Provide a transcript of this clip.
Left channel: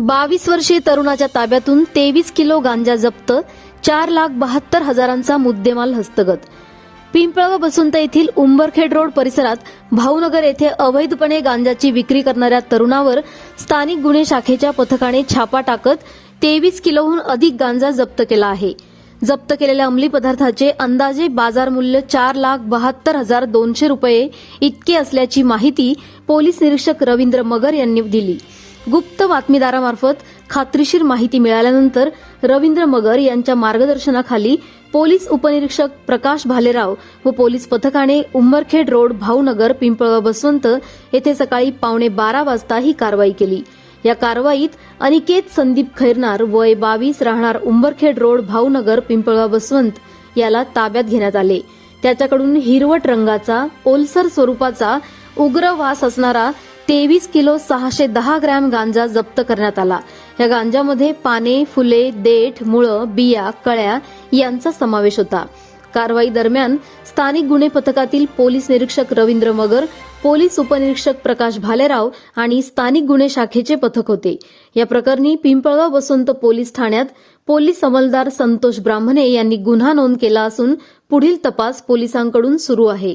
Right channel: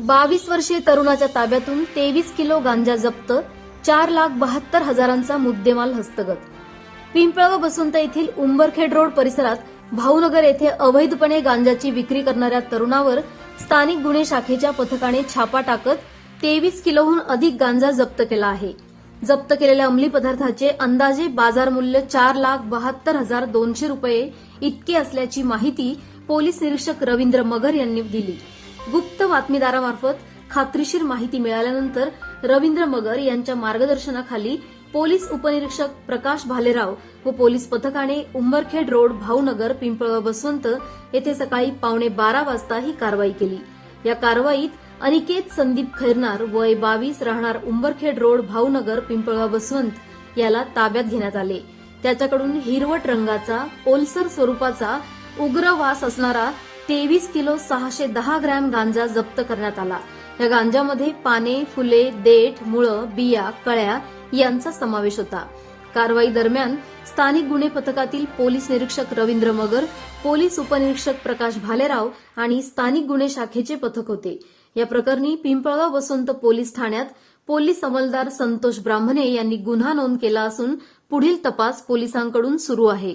बावीस वर्षीय तरुणाच्या ताब्यातून तेवीस किलो गांजा जप्त चार लाख बहात्तर हजारांचा मुद्देमाल हस्तगत. पिंपळाव बसुंत येथील उंबरखेड रोड परिसरात भाऊनगर येथे अवैधपणे गांजाची विक्री करणाऱ्या तरुणावर स्थानिक गुन्हे शाखेच्या पथकाने छापा टाकत तेवीस किलोहून अधिक गांजा जप्त केला आहे. जप्त केलेल्या अंमली पदार्थाचे अंदाजे बाजार मूल्य चार लाख बहात्तर हजार दोनशे रुपये इतके असल्याची माहिती पोलीस निरीक्षक रवींद्र मगर यांनी दिली. गुप्त बातमीदारामार्फत खात्रीशीर माहिती मिळाल्यानंतर रवींद्र मगर यांच्या मार्गदर्शनाखाली पोलीस उपनिरीक्षक प्रकाश भालेराव व पोलीस पथकाने उंबरखेड रोड भाऊनगर पिंपळगाव बसवंत येथे सकाळी पावणे बारा वाजता ही कारवाई केली. या कारवाईत अनिकेत संदीप खैरनार वय बावीस राहणार उंबरखेड रोड भाऊनगर पिंपळगाव बसवंत याला ताब्यात घेण्यात आले. त्याच्याकडून हिरवट रंगाचा ओलसर स्वरूपाचा उग्र वास असणारा तेवीस किलो सहाशे दहा ग्रॅम गांजा जप्त करण्यात आला. या गांजामध्ये पाने फुले देठ मुळं बिया कळ्या यांचा समावेश होता. कारवाई दरम्यान स्थानिक गुन्हे पथकातील पोलीस निरीक्षक रवींद्र मगर पोलीस उपनिरीक्षक प्रकाश भालेराव आणि स्थानिक गुन्हे शाखेचे पथक होते. या प्रकरणी पिंपळगाव वसंत पोलीस ठाण्यात पोलीस अंमलदार संतोष ब्राह्मणे यांनी गुन्हा नोंद केला असून पुढील तपास पोलिसांकडून सुरू आहे.